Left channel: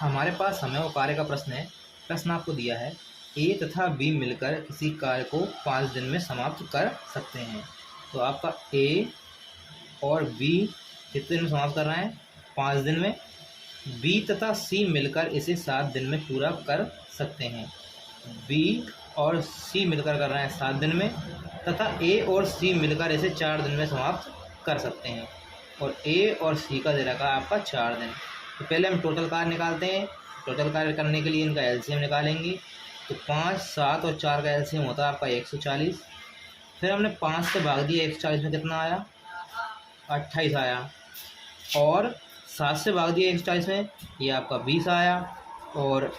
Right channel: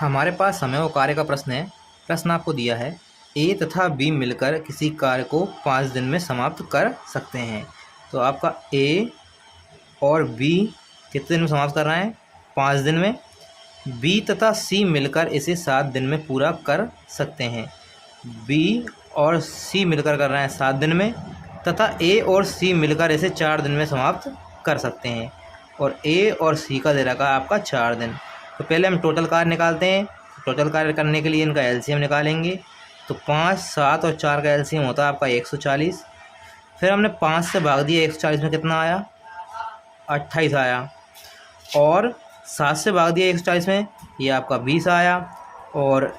हमारे पास समय और कार्य का प्रश्न है। प्रश्न आपको दिया है, ए तथा बी मिलकर किसी कार्य को 5 दिन में समाप्त कर सकते हैं। तो आपका ए और बी कितने दिन में समाप्त कर रहे हैं? 5 दिन में। बी तथा सी मिलकर इसे 7 दिन में पूरा कर सकते हैं। बी और सी मिलकर कर रहे हैं 7 दिन में, तथा ए और सी मिलकर इसे 4 दिन में समाप्त कर सकते हैं। और ए और सी का दे रखा है आपका 4 दिन। तो पहले हम टोटल कार्य निकालते हैं। टोटल कार्य करने के लिए इनका एलसीएम निकालेंगे। तो 5, 7 और 4 का एलसीएम होता है आपका 140। फिर हमने 5 से भाग दिया 140 में, कितना आया? 28 आया। और 7 से भाग दिया 140 में, ये आपका 20 आया। और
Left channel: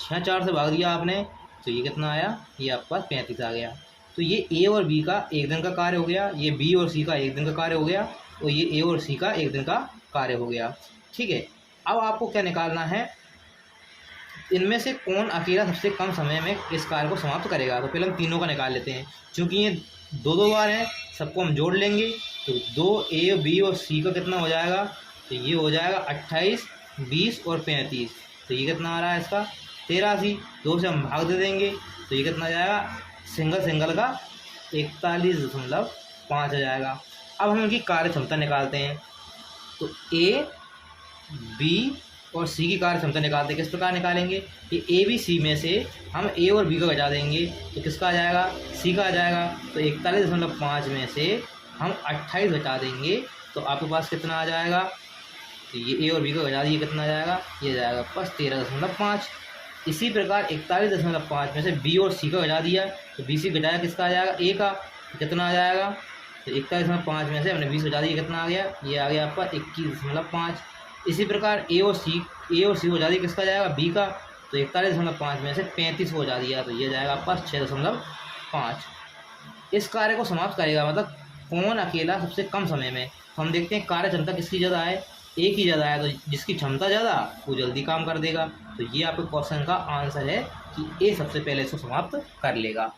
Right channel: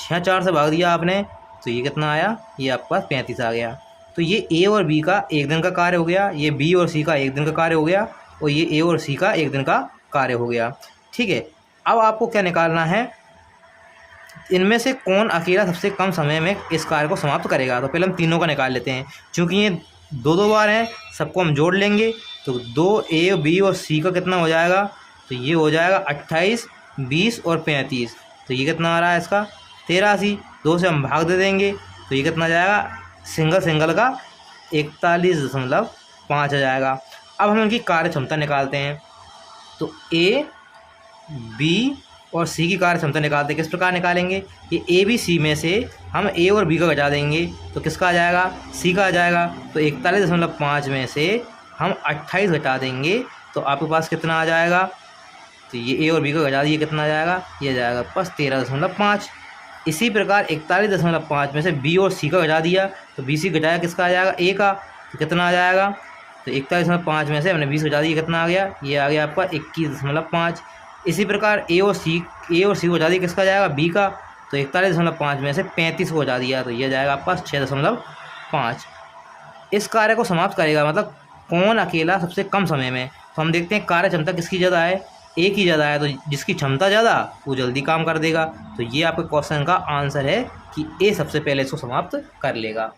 4 से भाग दिया आपने, तो ये कितना आया? ये आपके पास 35 आ गया। तो ये ए और बी का 1 दिन का कार्य हो गया, ये बी और सी का 1 दिन का कार्य हो गया, और ये ए और सी का 1 दिन का कार्य हो गया। ठीक है, अब आपको क्या निकालना है? इनमें से कौन अकेला सबसे कम समय में इस कार्य को समाप्त करेगा। तो पहले हम तीनों का निकाल लेते हैं। चूँकि ये 2-2 बार हैं, सबको हम जोड़ लेंगे। तो 2 ए, बी और सी का कितना हो जाएगा? तो ये हो जाएगा 28, 20 और 35। तो ये कितना आ रहा है इसका? 83। 2 से हम भाग दे देंगे, तो ये कितना जाएगा? सिंगल का 41.5 आ जाएगा। अब हम इनकी कार्य क्षमता निकालते हैं। तो ए, बी और सी की कार्य क्षमता निकालते हैं। किस प्रकार निकालेंगे? ये ए, बी, सी में से हम ए और बी का घटा देंगे, तो किसका आ जाएगा? सी का आ जाएगा। तो 41.5 में से हम 28 घटा देंगे, तो आपके पास कितना आ जाएगा? तो ये ए और बी का घटा दिए, कितना आ जाएगा? ये जाएगा बस 13.5। इसी प्रकार 41.5 में से बी और सी का घटा दिया, तो बी सी घटाया, किसका आ जाएगा? ए का। तो कितना आ जाएगा? तो 41.5 में से हमने 20 घटा दिया, कितना आ गया? ये आ गया आपका 21.5। इसी प्रकार ए और सी को घटा दिया, किसका जाएगा? बी का। तो 41.5 में से 35 को घटा दिया, तो ये जाएगा आपका 6.5। इस कार्य को समाप्त करेगा, मतलब कौन अकेला सबसे कम समय में। तो हम देखते हैं कार्य क्षमता किसकी ज़्यादा है? ए की ज़्यादा है। तो जिसकी क्षमता ज़्यादा वो जल्दी काम कर देगा। तो ये आपके क्वेश्चन का आंसर है कि ए सबसे पहले इसको समाप्त कर लेगा।